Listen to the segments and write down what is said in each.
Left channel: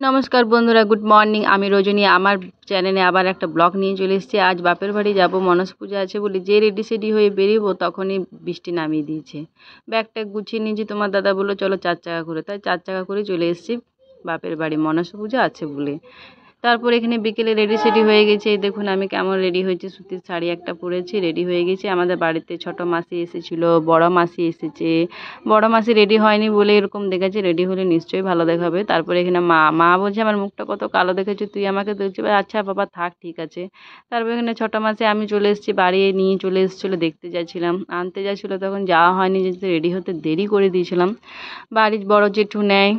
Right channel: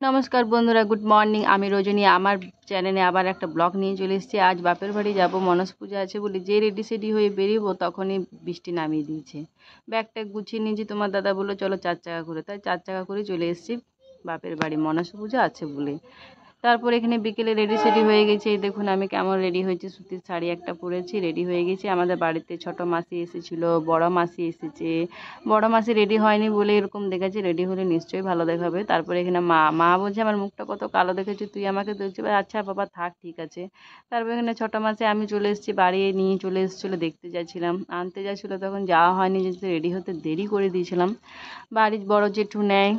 নমস্কার বন্ধুরা, good morning. আমি রজনী আমার চ্যানেলে আবার একটা ব্লগ নিয়ে চলে এসেছি। আজ বাপের বাড়ি যাব, মনসা পূজা আছে বলে যে রেডি সেডি হয়ে বেরিয়েবো তখনই বৃষ্টি নামিয়ে দিয়েছে। ব্যাগটা গুছিয়ে নিয়েছি, তোমার দাদা বললো চলো 4 চাকা করে, তাই 4 চাকা করে চলে এসেছি বাপের বাড়ি, মনসা পূজা আছে বলে। তারপর এখানে বিকেলে রেডি সেডি হয়ে গেছে। এই দেখুন আমি কেমন রেডি হয়েছি, সুতির শাড়ি একটা পরেছি, রেডি হয়ে গেছি। আমাদের বাড়িতে ছোট মাসি এসেছিলো, বড় মাসি এসেছে। বড় মাসি রেডি হয়নি বলে এরকম দেখেছে, রেডি হলে নিশ্চয়ই ভালো দেখাবে। তারপরে এখানে মা বলছে আমার মুখটা কত কালো দেখেছি, তুই আমাকে দেখছি। আচ্ছা বাবা থাক, ঠিক আছে। তারপর এখানে ছোট মাসি আমি চলে এসেছি, বাড়ি নিয়ে চলে এসেছিলো, দেখতে যাচ্ছিলাম, আনতে যাচ্ছিলো, তখন যাওয়া হয়নি, যেহেতু রেডি হতে দেরি করে দিয়েছিলাম। বাড়ির বড় জেঠু নেয়,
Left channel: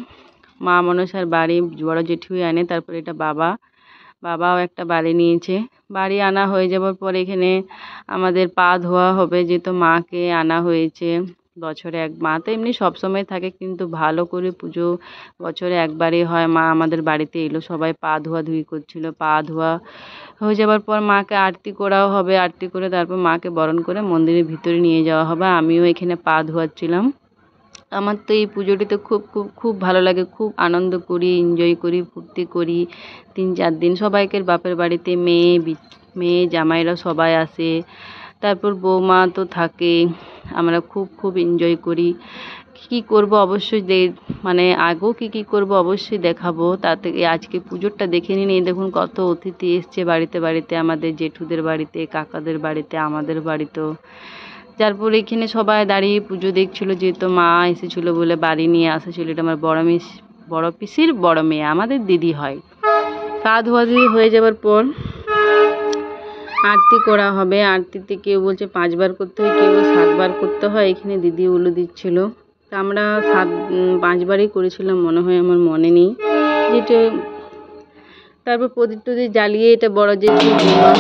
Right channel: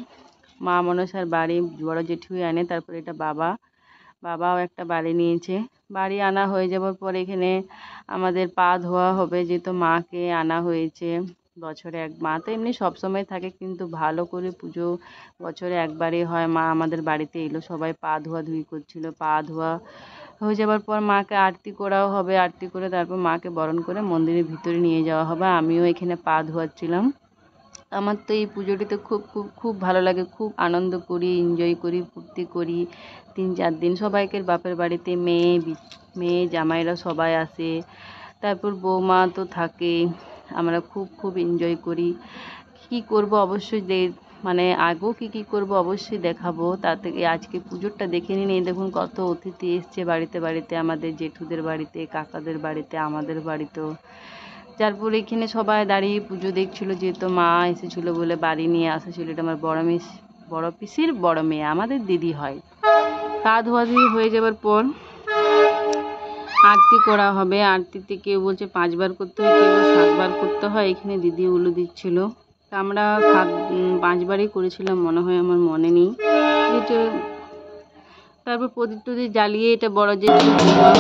মা মনসার বাড়ি বড় জেঠুই আনে। তারপরে এটা বাবাও একটা বাড়ি নিয়েছে। বাড়ি আনা হয়ে যাওয়ার পর এখানে আমাদের পা ধোয়া হবে, যেহেতু মাকে আনা হয়েছে। বছরে মা তো এমনি সবসময় থাকে, কিন্তু ভালো করে পুজো বছরে একবারই হয়। মা আমাদের বাড়িতে এলো, সবাই পা ধোয়াধুয়ি করছিল। পা ধোয়া হয়ে যাওয়ার পর মাকে আরতি করাও হবে, আরতি করে তারপর মাকে বরণ করে মন্দিরের ভিতরে নিয়ে যাওয়া হবে। আমিও এখানে পা ধোয়াচ্ছিলাম। আমার তো এই পুজোটিতে খুব খুব খুব ভালো লাগে, খুব আনন্দ করি, এনজয় করি, ফুর্তি করি। 3-4 দিন সবাইকে বাপের বাড়িতে মেয়ে জামাইরা সবাই আসে, তারপর বৌমা তো থাকে। আমরা খুব খুব এনজয় করি। কী করবো অবশ্যই আগেও কী করবো অবশ্যই দেখাবো। তা থেকে আজকে পুজোরটা দেখে নিন। এই দেখুন কত অতিথি এসছে বাড়িতে বাড়িতে, আমাদের জেঠুদের বাড়িতে, কাকাদের বাড়িতে, আমাদের বাড়িতেও। তারপর এখানে সবাই দাঁড়িয়ে পুজো দেখছিলো, যেহেতু মা এসেছিলো বলে বাড়ি নিয়ে আসেছিলো। এটা আমার বড় পিসির বড় মেয়ে, আমাদের দিদি হয়। পা ধোয়াধুয়ি হয়ে যাওয়ার পর আরতি করা হবে। আরতিতে কেউ বলছে 5 বার করতে হয়, কেউ 7 বার করতে হয়। এখানে দিদি উলু দিচ্ছিল, তা আমরা 5 বারই করেছিলাম মনে হয়, আমার মনে নেই যেটা। তারপর প্রদীপ টদীপ জ্বালিয়ে এটা বড় জেঠু বৌমা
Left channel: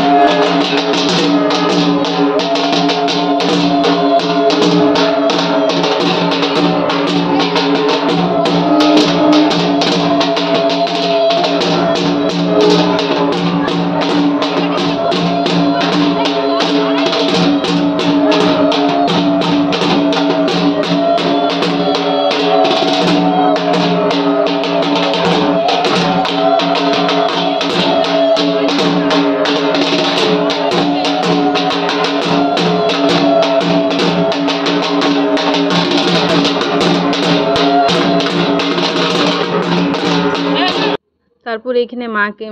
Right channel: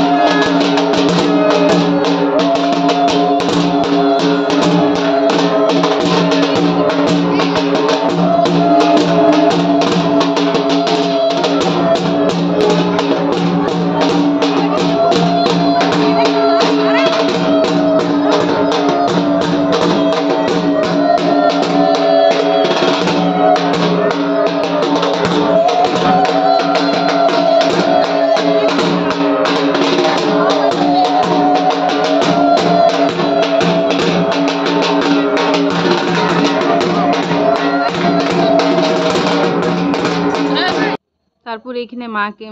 তারপর এখানে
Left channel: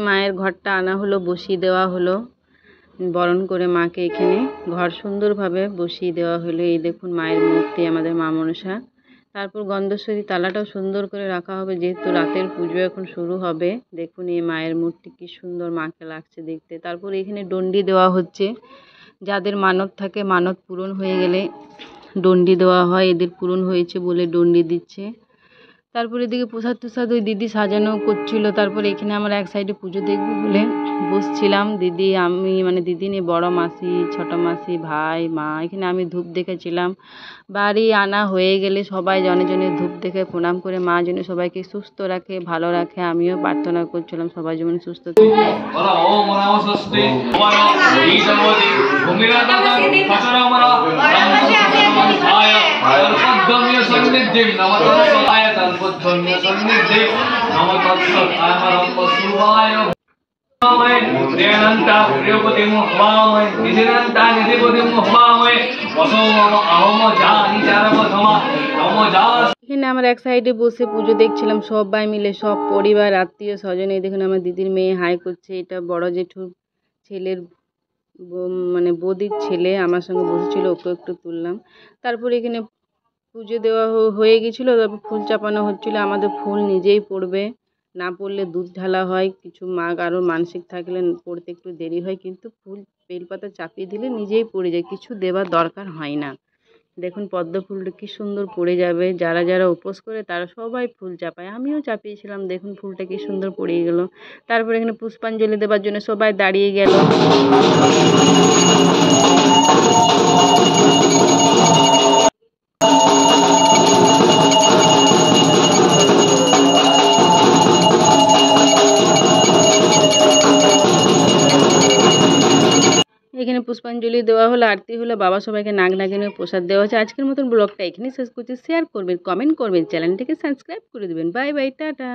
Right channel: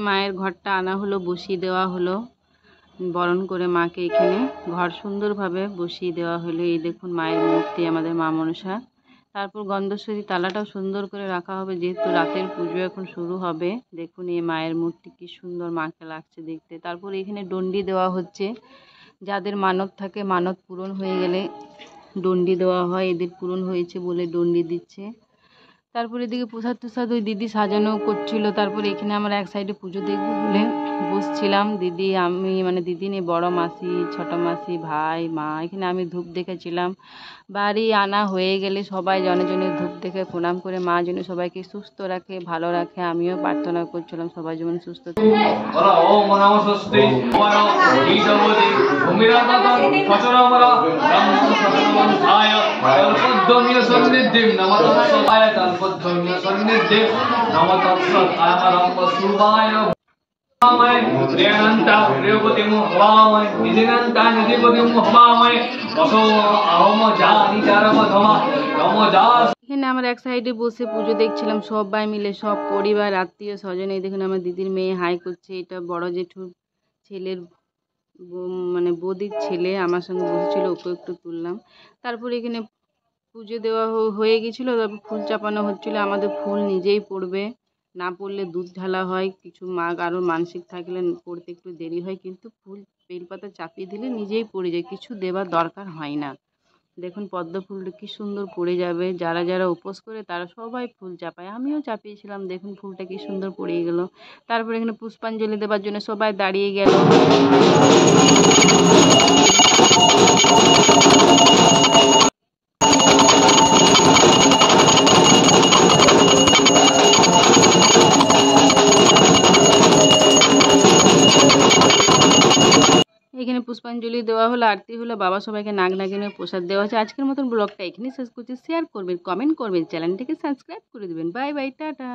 মায়ের ঘরটা আনা হলো, বসিয়ে দেওয়া হলো, বরণ করে মাকে এখানে ঘর সুন্দরভাবে বসিয়ে দেওয়া হলো। এই দেখুন মায়ের মূর্তি, আমাদের মা মনসা। তারপর গন্ধেশ্বরী তালাটাও সুন্দর করে রাখা হবে, যেহেতু রাতের পুজো এখন শুরু হবে। দেখুন এই মায়ের মূর্তি কি সুন্দর মাকে লাগছে দেখতে। তারপর এখানে ডন্ডি দেওয়া হচ্ছে, যাদের মানত থাকে, মানত পূরণ হয়ে গেলে ডন্ডি দেওয়া হয়। এদের পূরণ হয়েছে বলে ডন্ডি দিচ্ছে। তারপরে এদিকে প্রসাদ টসাদ ওই দিদি সাজানো করছিল। তারপরে এখানে আমরা এক সাইডে পুজো দেখবো বলে বসছিলাম, দিদি আমি দিদি নিয়ে বড় মাসি, ছোট মাসি, ভাই, মা। এখানে আমি ধূপ দেখেছিলাম। বাড়ি আনা হয়ে গেলে সবাই জনে জনে ধূপ দেখে প্রণাম করে মা যেন সবাইকে সুস্থ রাখে, ভালো রাখে। আমিও প্রার্থনা করছিলাম সবাই যেমন সুস্থ থাকে। এখানে আমরা এক সাইডে বসে পুজো দেখছিলাম সবাই মিলে, সব পরিবার আত্মীয় স্বজন। এই দেখুন আমার দিদির মেয়ে হাই করছে, এটা বড় জেঠুর ছেলের বৌদির ছেলে আমার সঙ্গে বসেছিল, ওকে একটু তুললাম। তারপরে এখানে পুজো দেওয়া হয়ে গেছিলো। তারপর ফুল চাপানো হচ্ছিলো। আমাদের ফুল নিজেই পড়বে, না পড়লে দুধ ঢালা হয়। কিছু আরও মানসিক থাকলে পড়তে একটু দেরি হয়, কিন্তু ফুল বেলপাতা চাপিয়ে দিলে নিজেই পড়ে যায়, কিছু দেওয়ার দরকার হয় না। দেখুন পদ্ম ফুলটা কি সুন্দর পড়ে যাবে। যারা যারা উপোস করে তারা সবাই ফুল চাপায়, আমিও চাপিয়েছিলাম। দেখুন ফুলটা কি সুন্দর পড়ে গেল। তারপর এখানে পুষ্পাঞ্জলি দেওয়ার জন্য সবাই দাঁড়িয়ে গেল। এখানে পুষ্পাঞ্জলি দেওয়া হলো, আরতি হলো, বাবা সবাইকে নাগ নাগিনের প্রসাদ দেওয়া হচ্ছে। আজকের মতন ব্লগটা এখানেই শেষ করছি। শেয়ার করবেন, কমেন্ট করবেন, চ্যানেলটিকে সাবস্ক্রাইব করে দেবেন। Bye bye, tata.